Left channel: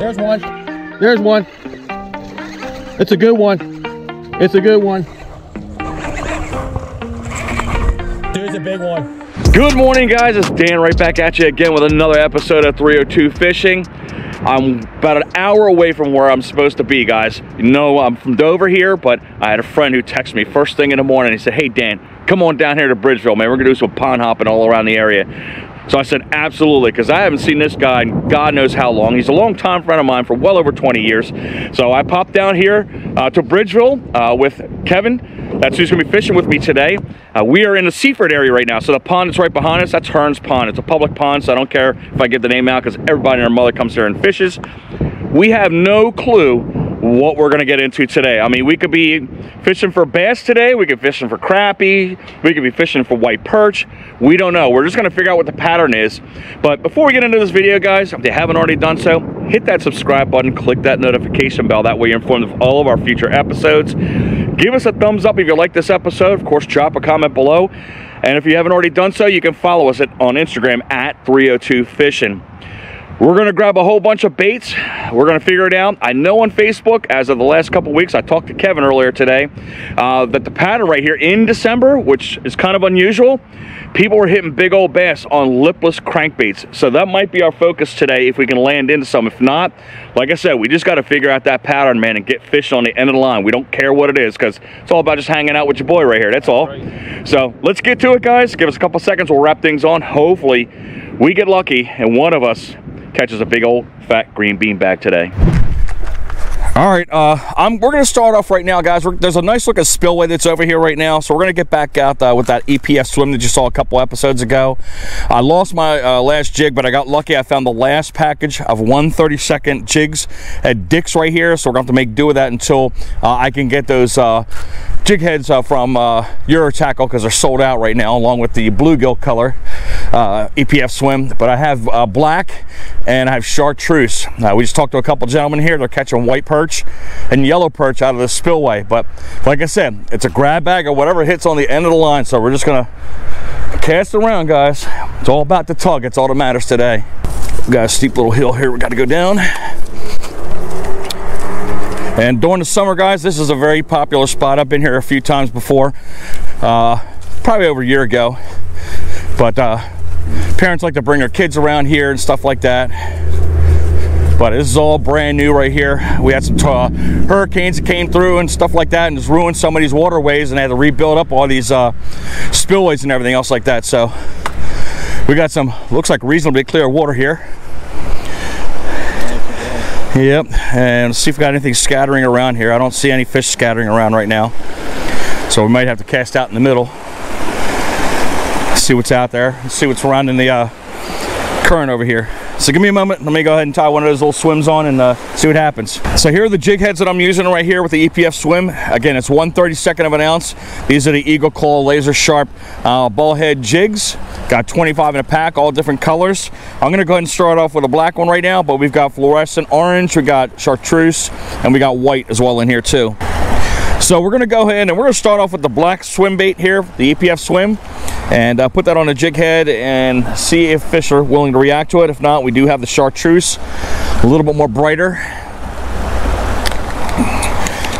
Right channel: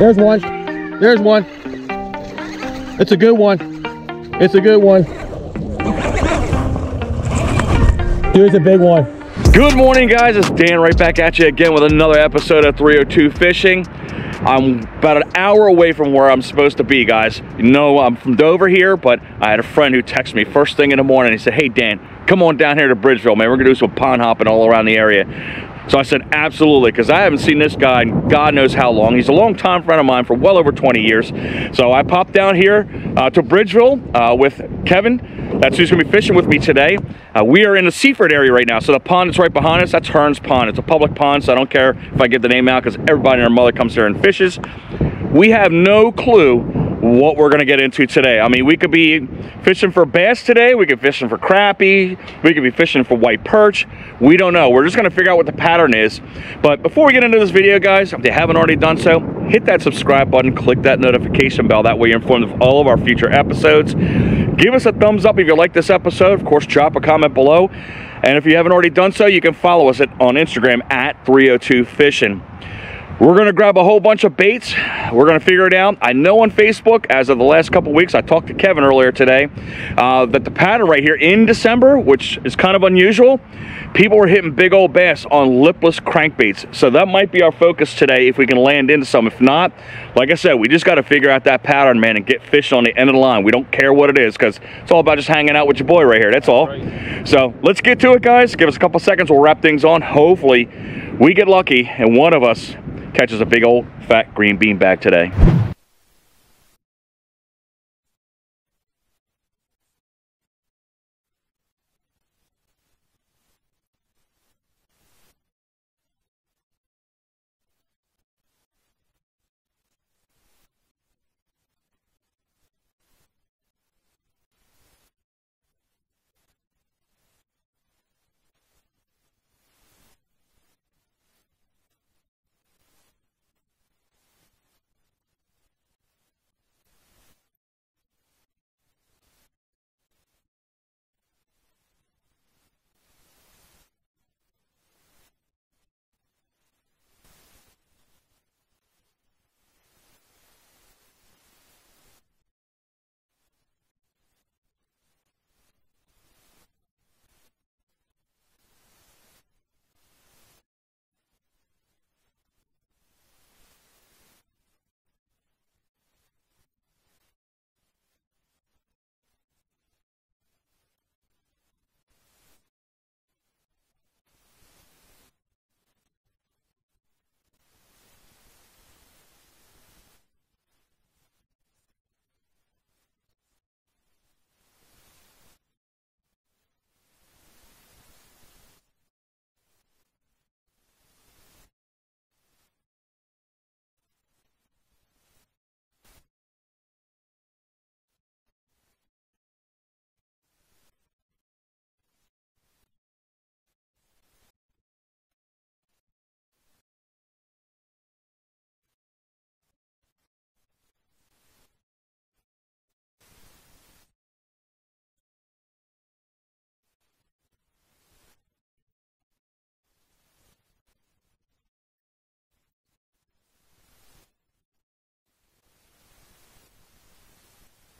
There's one. There's one. It's a good one. It's a good one. Dude, it's a big one. Good morning, guys. It's Dan right back at you again with another episode of 302 Fishing. I'm about an hour away from where I'm supposed to be, guys. You know, I'm from Dover here, but I had a friend who texted me first thing in the morning. He said, hey, Dan, come on down here to Bridgeville, man. We're going to do some pond hopping all around the area. So I said, absolutely, because I haven't seen this guy in God knows how long. He's a long-time friend of mine for well over 20 years. So I popped down here to Bridgeville with Kevin. That's who's going to be fishing with me today. We are in the Seaford area right now. So the pond that's right behind us, that's Hearn's Pond. It's a public pond, so I don't care if I give the name out because everybody and their mother comes here and fishes. We have no clue what we're going to get into today. I mean, we could be fishing for bass today. We could be fishing for crappie. We could be fishing for white perch. We don't know. We're just going to figure out what the pattern is. But before we get into this video, guys, if you haven't already done so, hit that subscribe button, click that notification bell. That way you're informed of all of our future episodes. Give us a thumbs up if you like this episode. Of course, drop a comment below. And if you haven't already done so, you can follow us on Instagram at 302 Fishing. We're going to grab a whole bunch of baits. We're going to figure it out. I know on Facebook, as of the last couple weeks, I talked to Kevin earlier today, that the pattern right here in December, which is kind of unusual, people were hitting big old bass on lipless crankbaits. So that might be our focus today if we can land into some. If not, like I said, we just got to figure out that pattern, man, and get fish on the end of the line. We don't care what it is because it's all about just hanging out with your boy right here. That's all. So let's get to it, guys. Give us a couple seconds. We'll wrap things on. Hopefully we get lucky and one of us catches a big old fat green bean bag today. All right, we're going to start off right now, guys. There's a nice looking spillway that's over here right now, so we're going to get back out with that EPF swim that you saw a couple episodes ago. I lost my last jig, but I got lucky. I found the last package of 1/32 jigs at Dick's right here, so we're going to have to make do with that until I can get those jig heads from EDUTIGE because they're sold out right now, along with the bluegill color EPF swim. But I have black and I have chartreuse. We just talked to a couple gentlemen here. They're catching white perch and yellow perch out of the spillway. But like I said, it's a grab bag of whatever hits on the end of the line. So we're just gonna cast around, guys. It's all about the tug. It's all that matters today. We got a steep little hill here we got to go down. And during the summer, guys, this is a very popular spot. I've been here a few times before, probably over a year ago. But parents like to bring their kids around here and stuff like that. But this is all brand new right here. We had some hurricanes that came through and stuff like that and just ruined some of these waterways, and they had to rebuild up all these spillways and everything else like that. So we got some, looks like reasonably clear water here. Yep, and let's see if we got anything scattering around here. I don't see any fish scattering around right now, so we might have to cast out in the middle, see what's out there, see what's surrounding the current over here. So give me a moment, let me go ahead and tie one of those little swims on and see what happens. So here are the jig heads that I'm using right here with the EPF swim. Again, it's 1/32 of an ounce. These are the Eagle Claw laser sharp ball head jigs. Got 25 in a pack, all different colors. I'm gonna go ahead and start off with a black one right now, but we've got fluorescent orange, we got chartreuse, and we got white as well in here too. So we're gonna go ahead and we're gonna start off with the black swim bait here, the EPF swim, and put that on a jig head and see if fish are willing to react to it. If not, we do have the chartreuse, a little bit more brighter.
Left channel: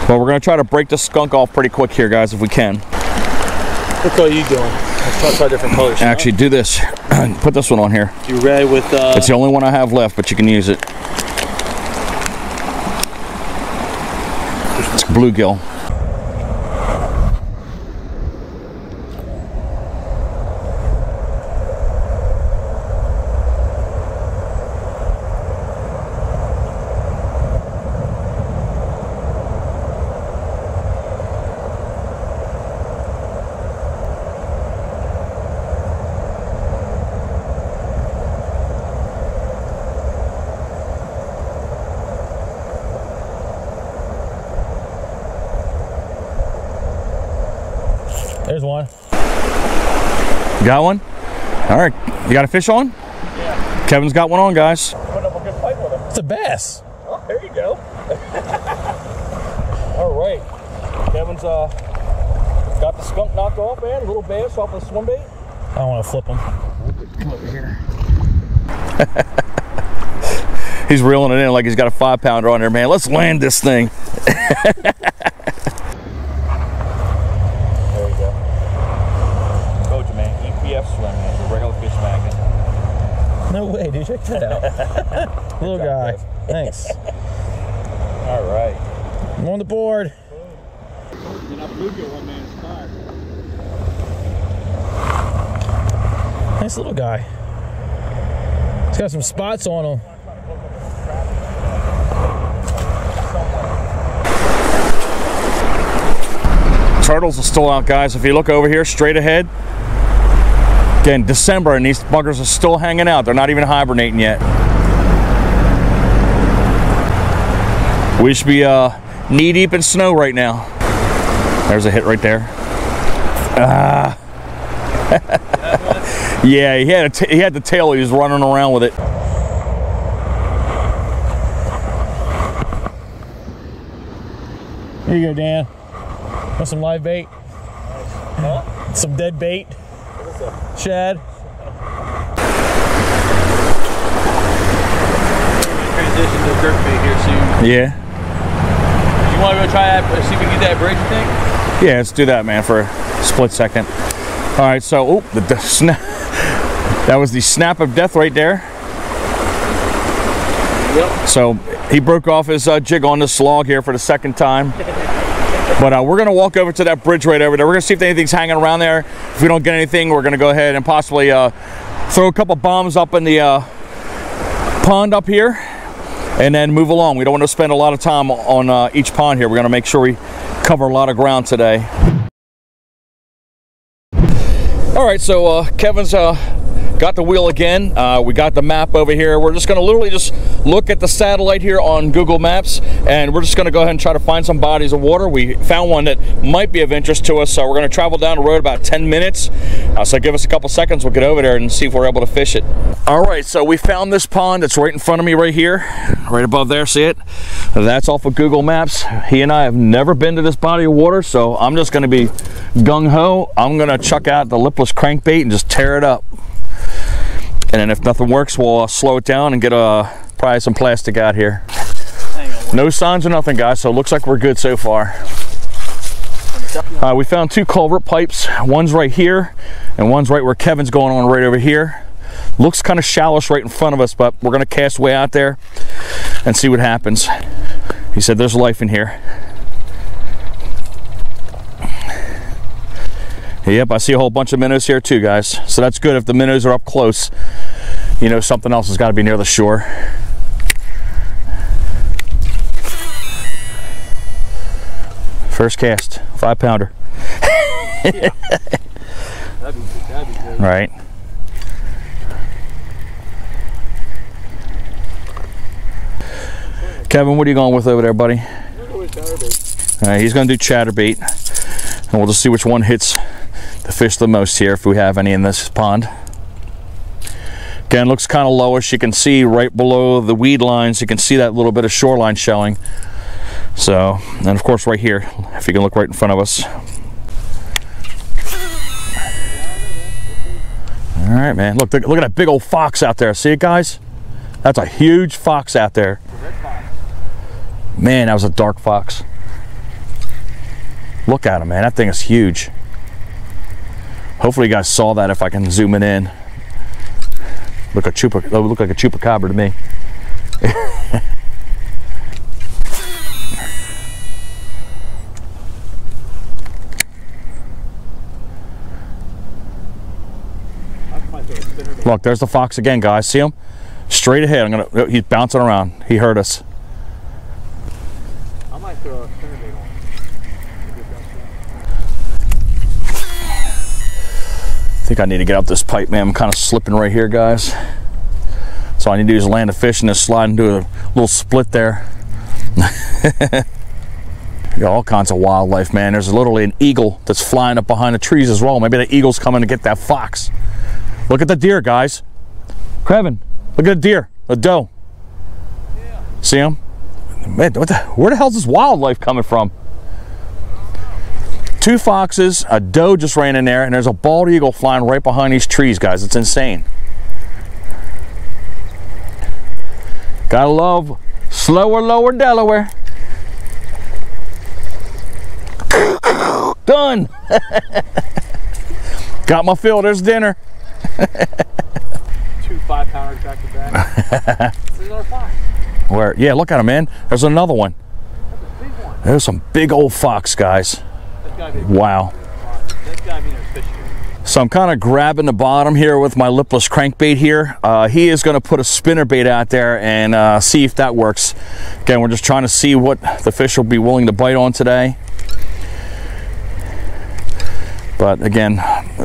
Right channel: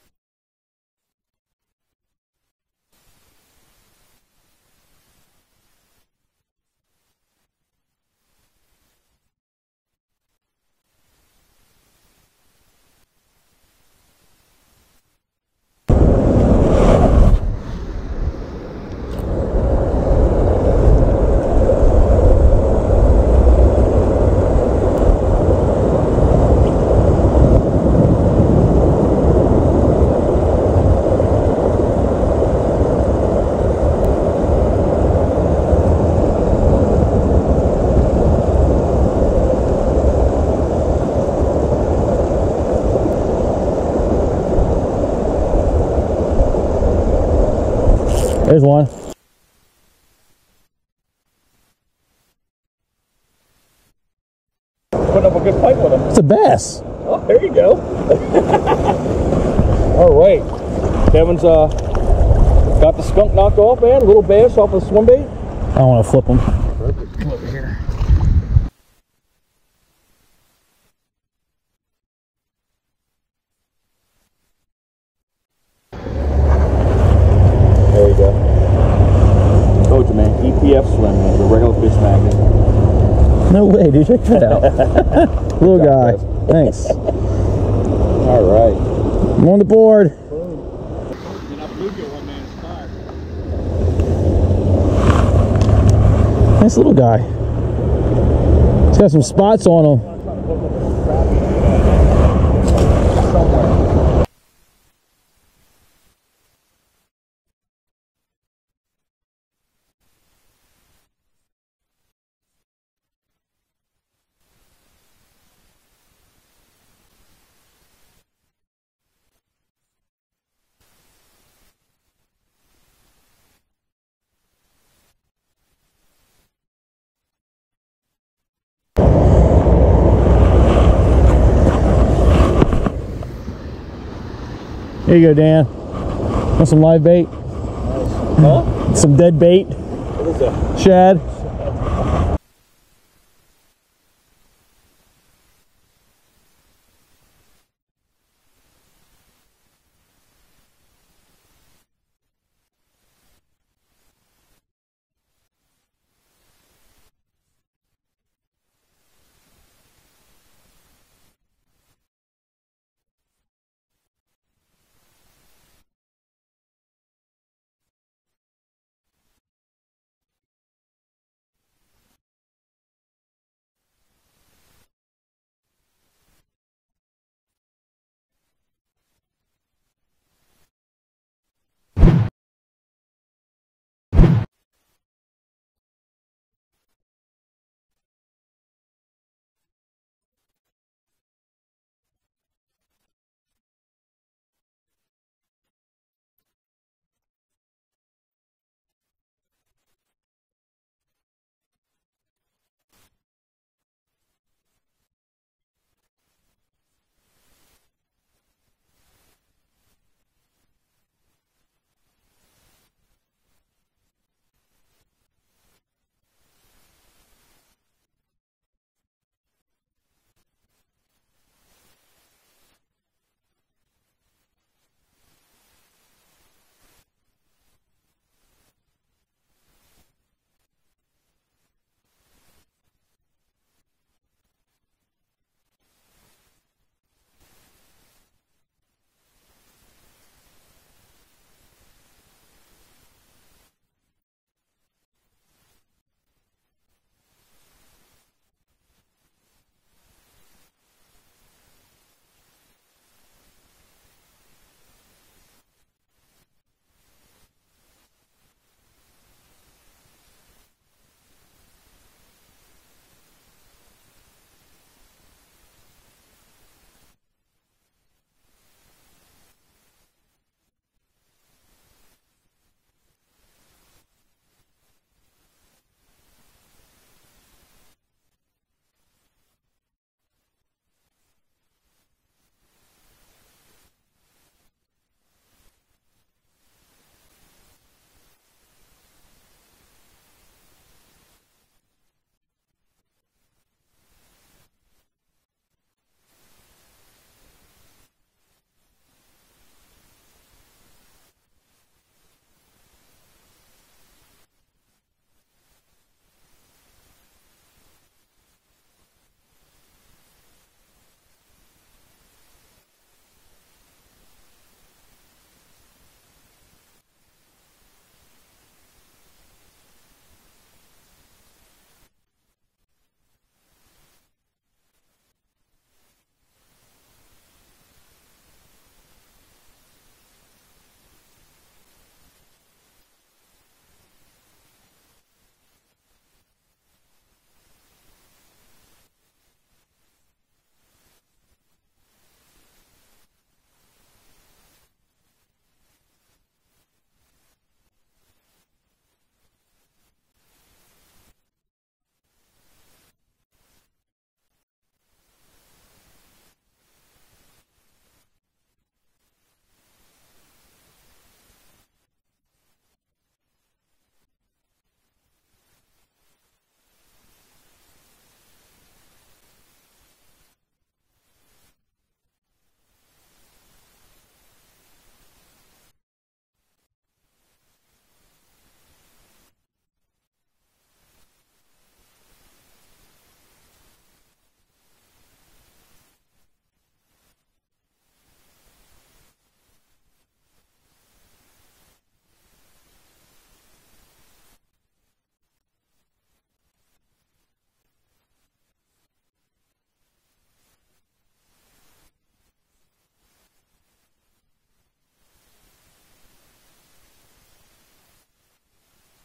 But we're gonna try to break this skunk off pretty quick here, guys, if we can. What color are you doing? Let's try different colors. Actually, do this. Put this one on here. You ready with It's the only one I have left, but you can use it. It's bluegill. There's one. Got one? All right. You got a fish on? Yeah. Kevin's got one on, guys. Putting up a good fight with him. It's a bass. Oh, there you go. All right. Kevin's got the skunk knocked off, man. A little bass off the swim bait. I don't want to flip him. Come over here. He's reeling it in like he's got a 5-pounder on there, man. Let's land this thing. There you go. Told you, man. EPF swim, man. It's a regular fish magnet. No way, dude. Check that out. Little guy. Thanks. All right. I'm on the board. You're not bluegill one man's car. Nice little guy. He's got some spots on him. Turtles are still out, guys. If you look over here, straight ahead, again, December, and these buggers are still hanging out. They're not even hibernating yet. We should be knee deep in snow right now. There's a hit right there. Yeah, he had the tail. He was running around with it. Here you go, Dan. Want some live bait? Huh? Some dead bait? What is that? Shad? Transition to jerk bait here soon. Yeah. You want to go try that? See if we can get that bridge, you think? Yeah, let's do that, man, for a split second. All right, so the snap. That was the snap of death right there. Yep. So he broke off his jig on this log here for the second time. But we're going to walk over to that bridge right over there. We're going to see if anything's hanging around there. If we don't get anything, we're going to go ahead and possibly throw a couple bombs up in the pond up here and then move along. We don't want to spend a lot of time on each pond here. We're going to make sure we cover a lot of ground today. All right, so Kevin's got the wheel again. We got the map over here. We're just going to literally just look at the satellite here on Google Maps, and we're just going to go ahead and try to find some bodies of water. We found one that might be of interest to us, so we're going to travel down the road about 10 minutes. So give us a couple seconds. We'll get over there and see if we're able to fish it. All right, so we found this pond that's right in front of me right here, right above there. See it? That's off of Google Maps. He and I have never been to this body of water, so I'm just going to be gung-ho. I'm going to chuck out the lipless crankbait and just tear it up. And then if nothing works, we'll slow it down and get probably some plastic out here. No signs of nothing, guys, so it looks like we're good so far. We found 2 culvert pipes. One's right here, and one's right where Kevin's going on right over here. Looks kind of shallowish right in front of us, but we're going to cast way out there and see what happens. He said there's life in here. Yep, I see a whole bunch of minnows here too, guys. So that's good. If the minnows are up close, you know something else has got to be near the shore. First cast, 5-pounder. Yeah. That'd be good. Right. Kevin, what are you going with over there, buddy? All right, he's going to do chatterbait, and we'll just see which one hits the fish the most here, if we have any in this pond. Again, looks kind of lowish. You can see right below the weed lines, you can see that little bit of shoreline showing. So, and of course right here, if you can look right in front of us. All right, man. Look at that big old fox out there. See it, guys? That's a huge fox out there. Man, that was a dark fox. Look at him, man. That thing is huge. Hopefully you guys saw that if I can zoom it in. Look like a chupacabra to me. Look, there's the fox again, guys. See him? Straight ahead. He's bouncing around. He heard us. I might throw a spinnerbait on. I think I need to get up this pipe, man. I'm kind of slipping right here, guys. So all I need to do is land a fish and just slide into a little split there. Got all kinds of wildlife, man. There's literally an eagle that's flying up behind the trees as well. Maybe the eagle's coming to get that fox. Look at the deer, guys. Kevin, look at the deer, the doe. Yeah. See him? Man, where the hell's this wildlife coming from? 2 foxes, a doe just ran in there, and there's a bald eagle flying right behind these trees, guys. It's insane. Gotta love slower, lower Delaware. Done. Got my fill. There's dinner. 2 5-pounders back to back. There's another 5. Where? Yeah, look at him, man. There's another one. That's a big one. There's some big old fox, guys. That's gotta be wow. That's gotta be their fish here. So I'm kind of grabbing the bottom here with my lipless crankbait here. He is going to put a spinnerbait out there and see if that works. Again, we're just trying to see what the fish will be willing to bite on today. But again,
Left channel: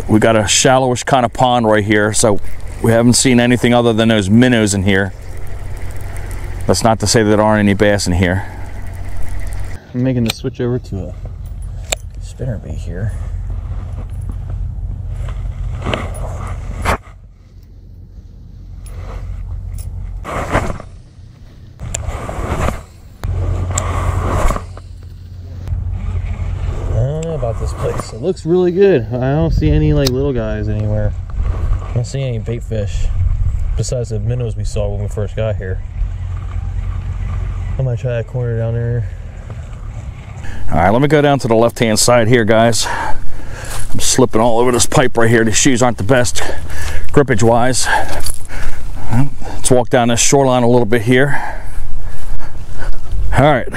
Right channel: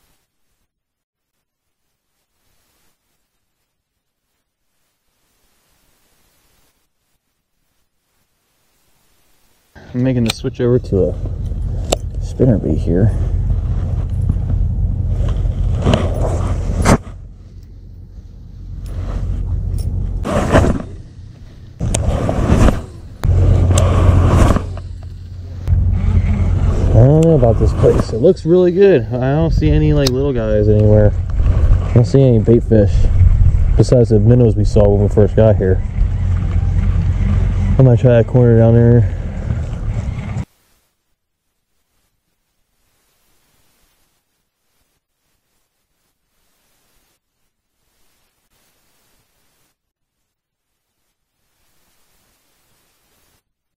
we got a shallowish kind of pond right here, so we haven't seen anything other than those minnows in here. That's not to say that there aren't any bass in here. I'm making the switch over to a spinnerbait here. I don't know about this place. It looks really good. I don't see any like little guys anywhere. I don't see any bait fish besides the minnows we saw when we first got here. I might try that corner down there. All right, let me go down to the left-hand side here, guys. I'm slipping all over this pipe right here. These shoes aren't the best grippage-wise. Let's walk down this shoreline a little bit here. All right,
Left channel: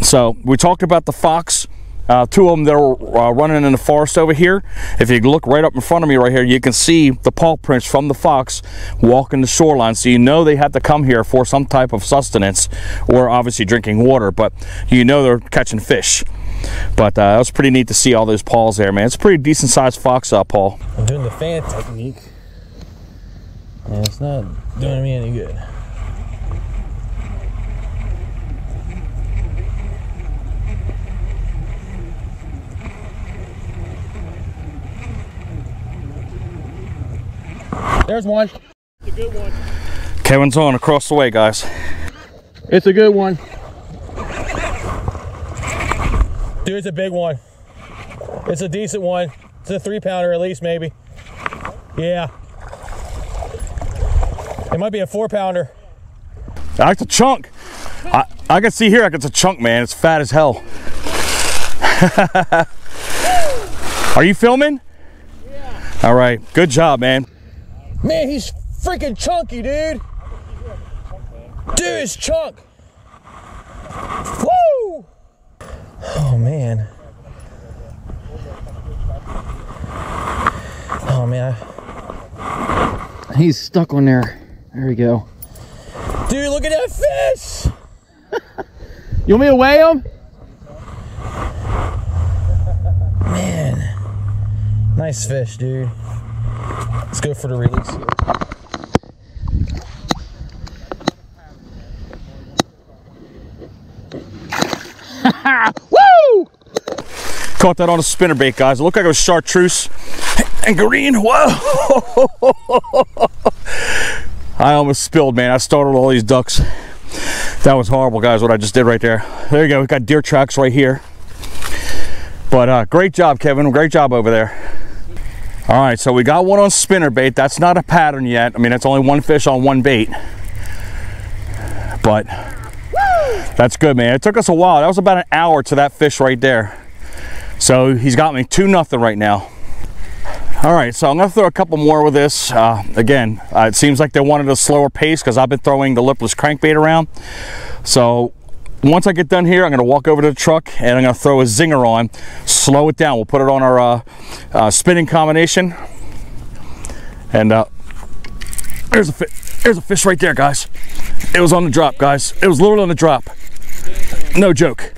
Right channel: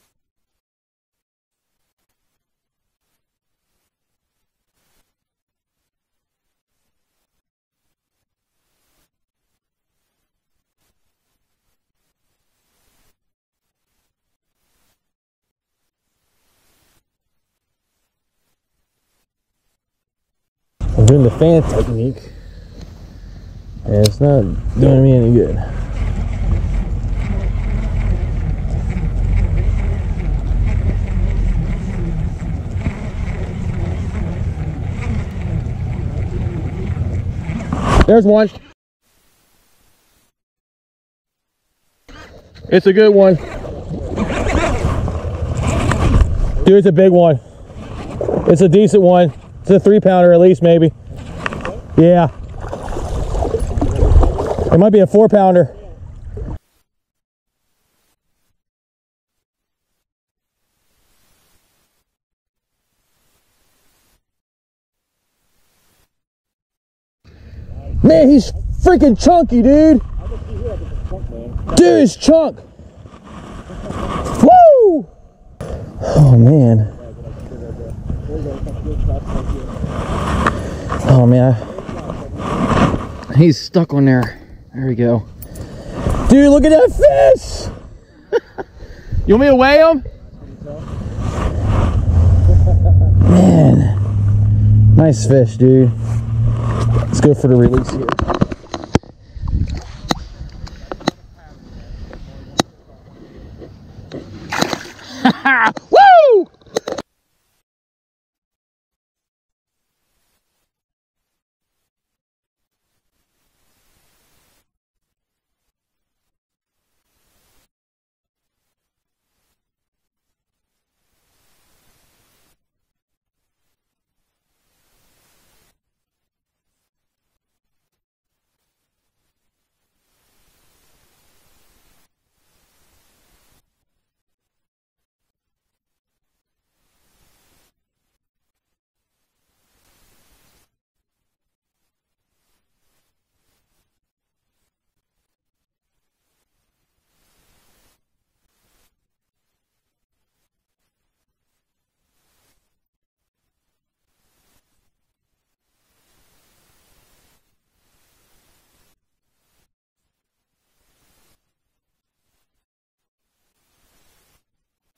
so we talked about the fox. 2 of them that are running in the forest over here. If you look right up in front of me right here, you can see the paw prints from the fox walking the shoreline, so you know they have to come here for some type of sustenance or obviously drinking water, but you know they're catching fish. But that was pretty neat to see all those paws there, man. It's a pretty decent sized fox, Paul. I'm doing the fan technique and it's not doing me any good. There's one. It's a good one. Kevin's on across the way, guys. It's a good one. Dude, it's a big one. It's a decent one. It's a 3-pounder at least, maybe. Yeah. It might be a 4-pounder. That's a chunk. I can see here, it's a chunk, man. It's fat as hell. Are you filming? Yeah. All right, good job, man. Man, he's freaking chunky, dude. Dude, he's chunk. Woo! Oh, man. Oh, man. He's stuck on there. There we go. Dude, look at that fish. You want me to weigh him? Man. Nice fish, dude. Let's go for the release here. Woo! Caught that on a spinnerbait, guys. It looked like it was chartreuse and green. Whoa! I almost spilled, man. I startled all these ducks. That was horrible, guys, what I just did right there. There you go. We got deer tracks right here. But great job, Kevin. Great job over there. All right, so we got one on spinnerbait. That's not a pattern yet. I mean, that's only one fish on one bait. But that's good, man. It took us a while. That was about an hour to that fish right there. So he's got me 2-0 right now. All right, so I'm gonna throw a couple more with this. Again, it seems like they wanted a slower pace because I've been throwing the lipless crankbait around. So once I get done here, I'm gonna walk over to the truck and I'm gonna throw a Zinger on, slow it down. We'll put it on our spinning combination. And there's a fish right there, guys. It was on the drop, guys. It was literally on the drop. No joke.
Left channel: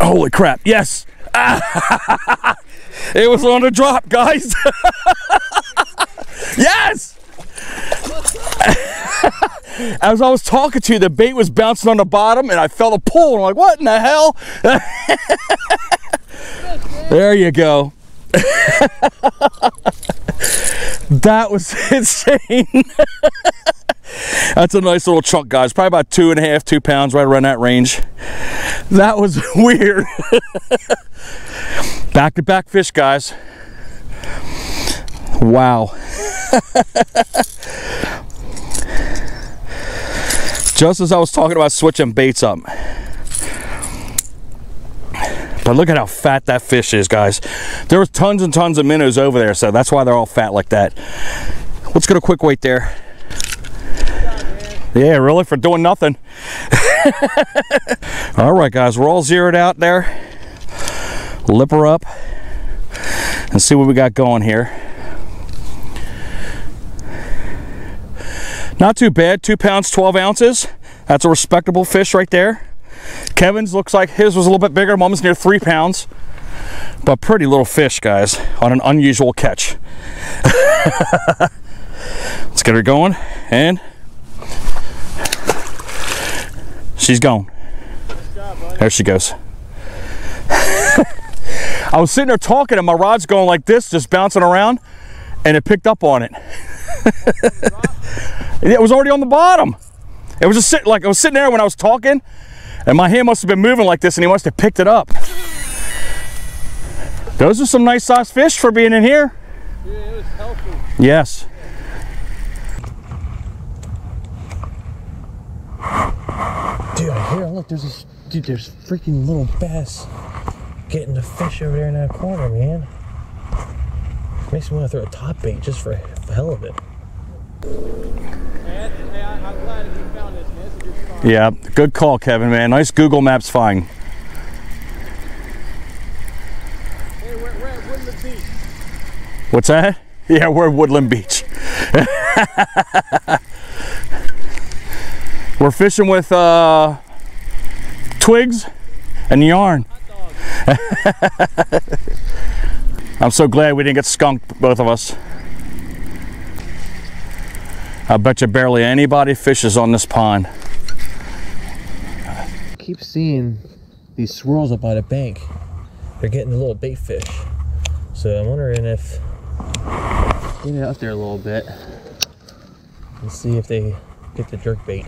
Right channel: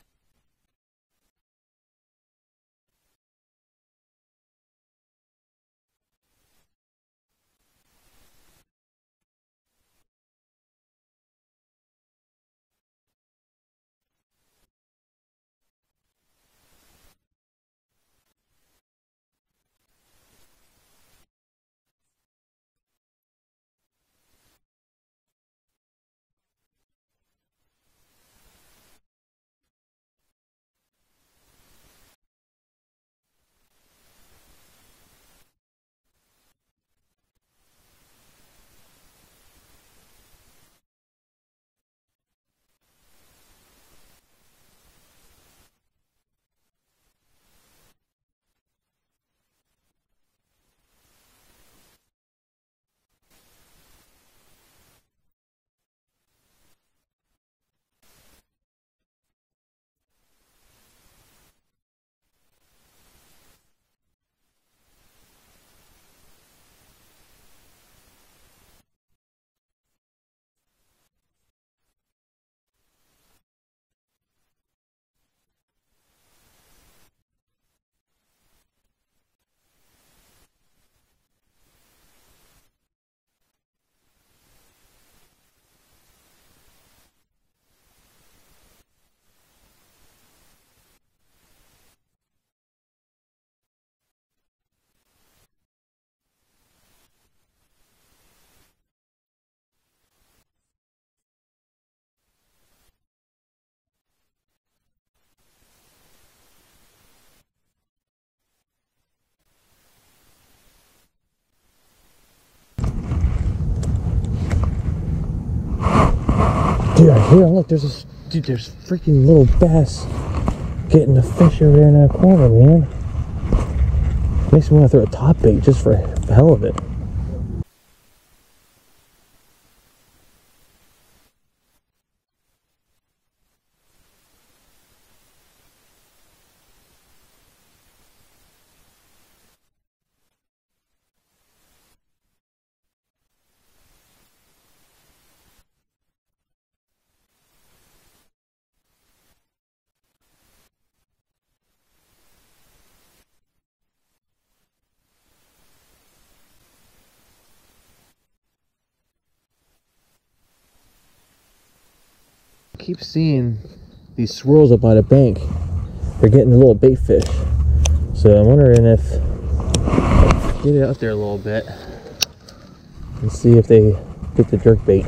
Holy crap, yes. It was on the drop, guys. Yes. As I was talking to you, the bait was bouncing on the bottom and I felt a pull. I'm like, what in the hell? There you go. That was insane. That's a nice little chunk, guys. Probably about 2.5, 2 pounds, right around that range. That was weird. Back-to-back fish, guys. Wow. Just as I was talking about switching baits up. But look at how fat that fish is, guys. There was tons and tons of minnows over there, so that's why they're all fat like that. Let's get a quick weight there. Yeah, really, for doing nothing. All right, guys, we're all zeroed out there. Lip her up and see what we got going here. Not too bad, 2 pounds, 12 ounces. That's a respectable fish right there. Kevin's looks like his was a little bit bigger, almost near 3 pounds. But pretty little fish, guys, on an unusual catch. Let's get her going, and she's gone. There she goes. I was sitting there talking and my rod's going like this, just bouncing around, and it picked up on it. It was already on the bottom. It was just sitting, like I was sitting there when I was talking, and my hand must have been moving like this, and he must have picked it up. Those are some nice sized fish for being in here. Yeah, it was healthy. Yes. Dude, I hear him. Look, there's freaking little bass getting the fish over there in that corner, man. Makes me want to throw a top bait just for the hell of it. I'm glad you found this, man. It's a good spot. Yeah, good call, Kevin, man. Nice Google Maps find. Hey, we're at Woodland Beach. What's that? Yeah, we're at Woodland Beach. We're fishing with twigs and yarn. I'm so glad we didn't get skunked, both of us. I bet you barely anybody fishes on this pond. I keep seeing these swirls up by the bank. They're getting the little bait fish. So I'm wondering if get it out there a little bit and see if they get the jerk bait.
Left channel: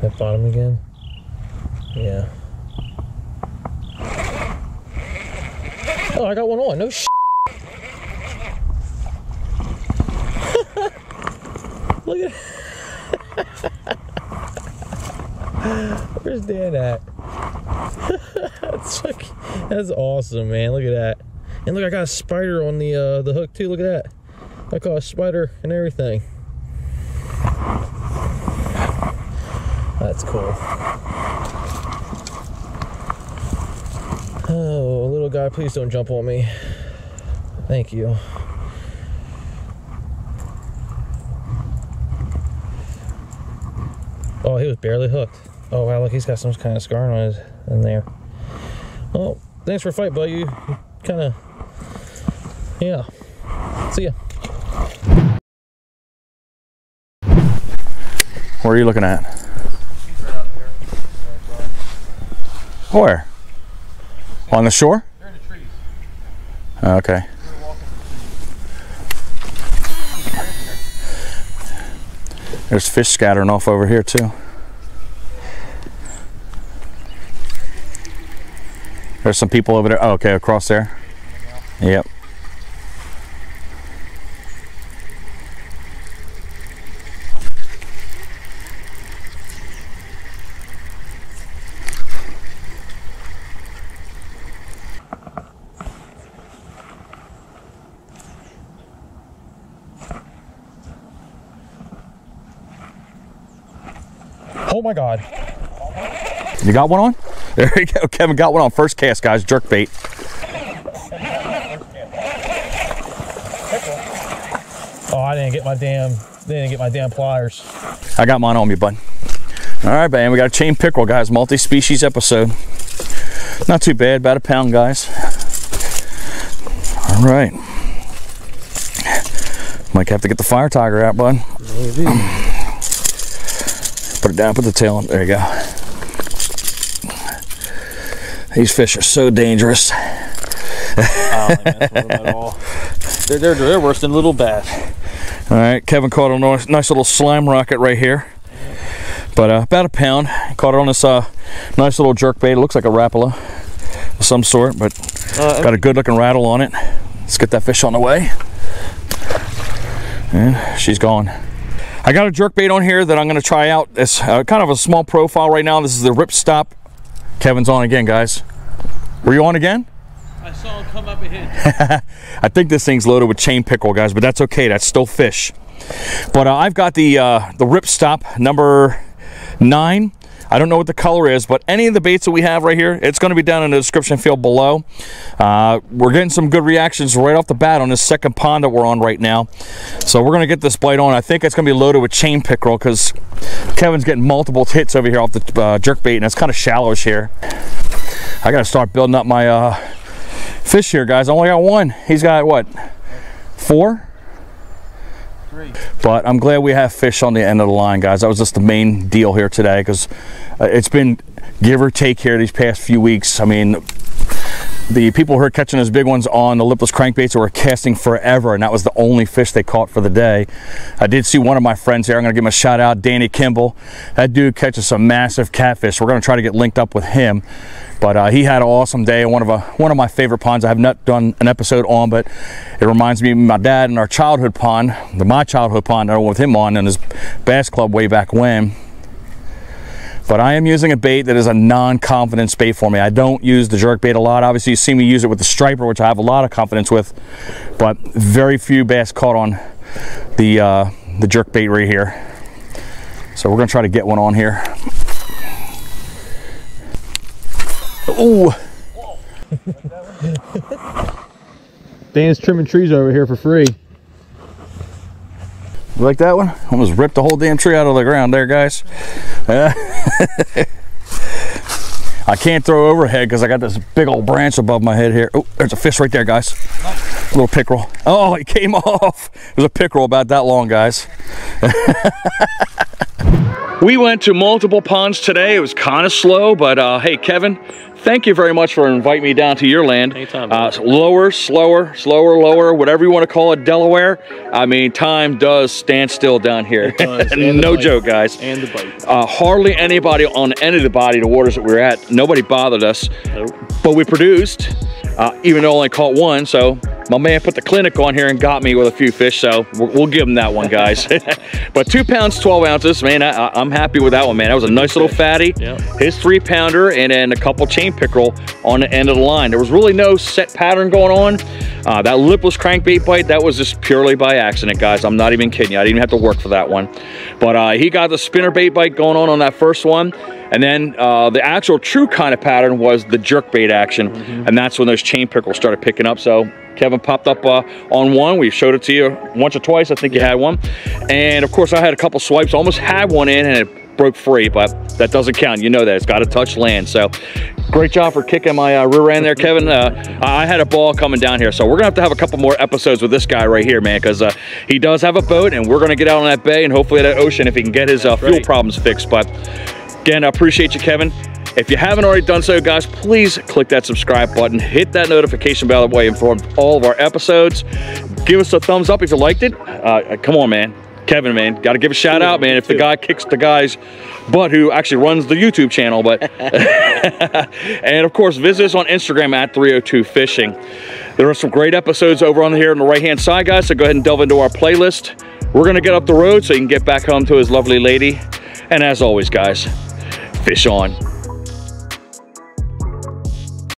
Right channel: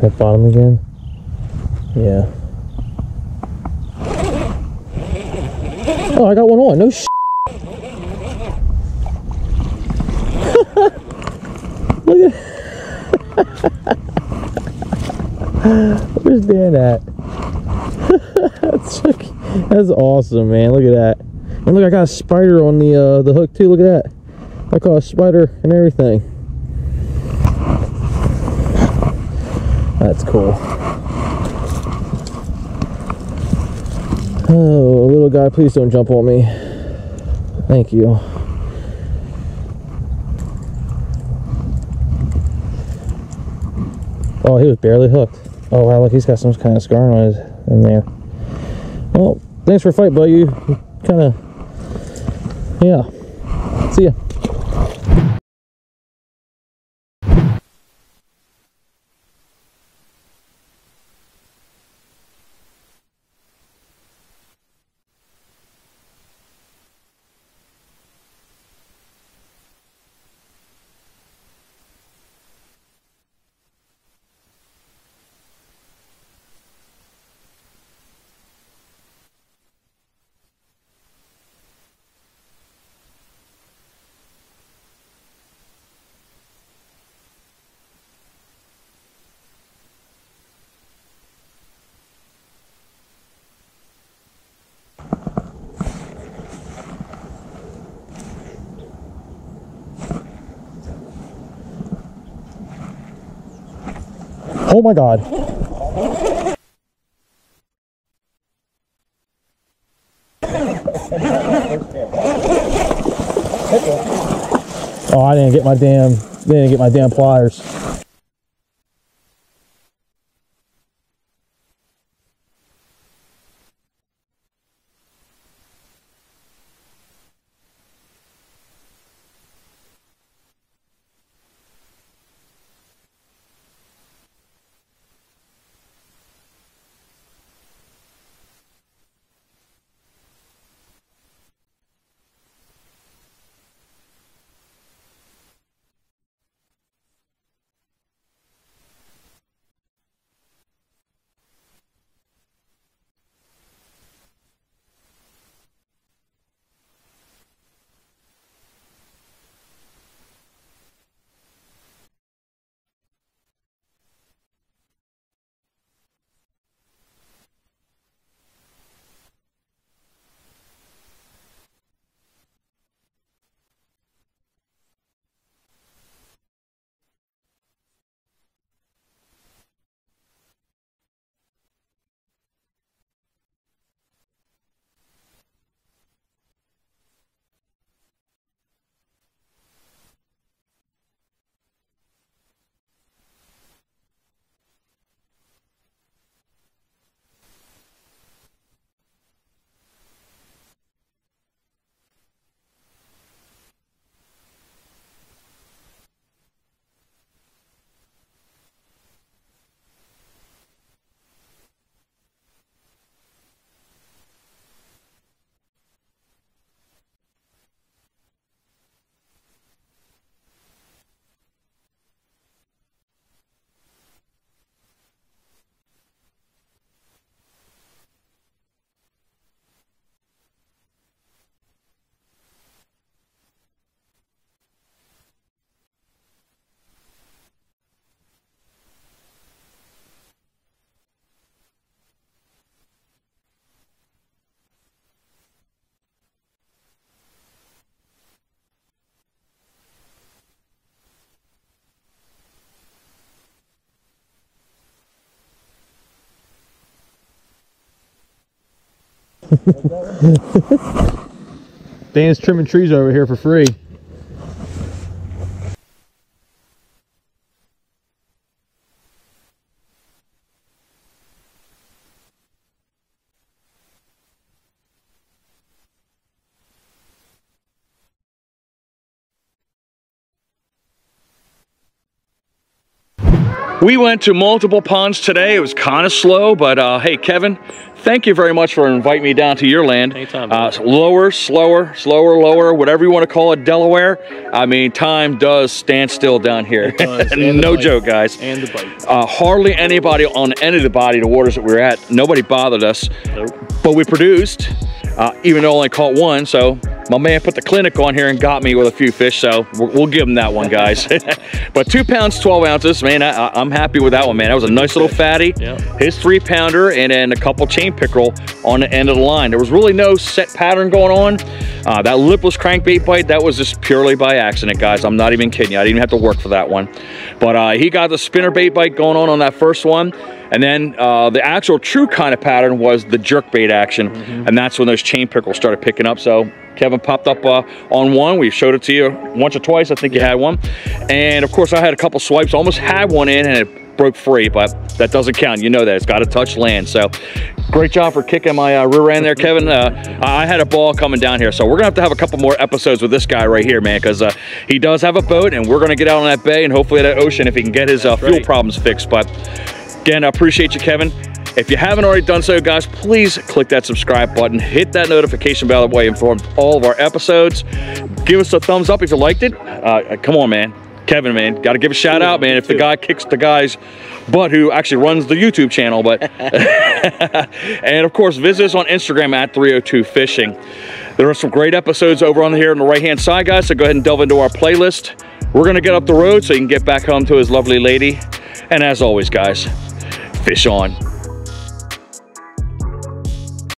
At bottom again? Yeah. Oh, I got one on. No sh. Look at. Where's Dan at? That's awesome, man. Look at that. And look, I got a spider on the hook too. Look at that. I caught a spider and everything. That's cool. Oh, little guy, please don't jump on me. Thank you. Oh, he was barely hooked. Oh wow, look, he's got some kind of scarring on his in there. Well, thanks for fight, bud. You kind of, yeah. See ya. Where are you looking at? Where? On the shore? They're in the trees. Okay. There's fish scattering off over here too. There's some people over there. Oh, okay, across there. Yep. Oh my God. You got one on? There you go. Kevin got one on first cast, guys. Jerk bait. Oh, I didn't get my damn pliers. I got mine on me, bud. All right, man. We got a chain pickerel, guys. Multi-species episode. Not too bad. About a pound, guys. All right. Might have to get the fire tiger out, bud. Maybe. Put it down, put the tail on. There you go. These fish are so dangerous. I don't like messing with them at all. They're worse than little bass. All right, Kevin caught a nice little slime rocket right here. But about a pound. Caught it on this nice little jerk bait. It looks like a rapala of some sort, but got a good looking rattle on it. Let's get that fish on the way. And she's gone. I got a jerk bait on here that I'm going to try out. It's kind of a small profile right now. This is the ripstop. Kevin's on again, guys. Were you on again? I saw him come up ahead. I think this thing's loaded with chain pickerel, guys, but that's okay. That's still fish. But I've got the ripstop number 9. I don't know what the color is, but any of the baits that we have right here, it's going to be down in the description field below. We're getting some good reactions right off the bat on this second pond that we're on right now. So we're going to get this bite on. I think it's going to be loaded with chain pickerel because Kevin's getting multiple hits over here off the jerk bait, and it's kind of shallowish here. I got to start building up my fish here, guys. I only got one. He's got, what, 4? 3. But I'm glad we have fish on the end of the line, guys. That was just the main deal here today, because it's been give or take here these past few weeks. I mean, the people who are catching those big ones on the lipless crankbaits were casting forever, and that was the only fish they caught for the day. I did see one of my friends here. I'm going to give him a shout out, Danny Kimball. That dude catches some massive catfish. We're going to try to get linked up with him. But he had an awesome day. One of my favorite ponds. I have not done an episode on, but it reminds me of my dad and our childhood pond, my childhood pond I went with him on in his bass club way back when. But I am using a bait that is a non-confidence bait for me. I don't use the jerk bait a lot. Obviously, you see me use it with the striper, which I have a lot of confidence with, but very few bass caught on the jerk bait right here. So we're gonna try to get one on here. Ooh. Dan's trimming trees over here for free. You like that one? Almost ripped the whole damn tree out of the ground there, guys. I can't throw overhead because I got this big old branch above my head here. Oh, there's a fish right there, guys. A little pickerel. Oh, it came off. There's a pickerel about that long, guys. We went to multiple ponds today. It was kind of slow, but hey, Kevin, thank you very much for inviting me down to your land. Anytime, lower, slower, lower, whatever you want to call it, Delaware. I mean, time does stand still down here. No joke, guys. And the bite. Hardly anybody on any of the body, the waters that we were at, nobody bothered us. Nope. But we produced, even though I only caught one, so my man put the clinic on here and got me with a few fish, so we'll give him that one, guys. But 2 pounds, 12 ounces, man, I'm happy with that one, man. That was a nice little fatty. Yep. His 3-pounder, and then a couple chain pickerel on the end of the line. There was really no set pattern going on. That lipless crankbait bite, that was just purely by accident, guys. I'm not even kidding you. I didn't even have to work for that one. But he got the spinnerbait bite going on that first one. And then the actual true kind of pattern was the jerkbait action. And that's when those chain pickerels started picking up. So Kevin popped up on one. We showed it to you once or twice. I think you had one. And of course I had a couple swipes. Almost had one in and it broke free, but that doesn't count. You know that. It's got to touch land. So great job for kicking my rear end there, Kevin. I had a ball coming down here. So we're going to have a couple more episodes with this guy right here, man, because he does have a boat, and we're going to get out on that bay and hopefully that ocean if he can get his fuel problems fixed. But again, I appreciate you, Kevin. If you haven't already done so, guys, please click that subscribe button, hit that notification bell, that way you're informed of all of our episodes. Give us a thumbs up if you liked it. Come on, man. Kevin, man, got to give a shout out, man, if the guy kicks the guy's butt who actually runs the YouTube channel. But and of course, visit us on Instagram at 302 Fishing. There are some great episodes over on here on the right-hand side, guys, so go ahead and delve into our playlist. We're going to get up the road so you can get back home to his lovely lady. And as always, guys, fish on.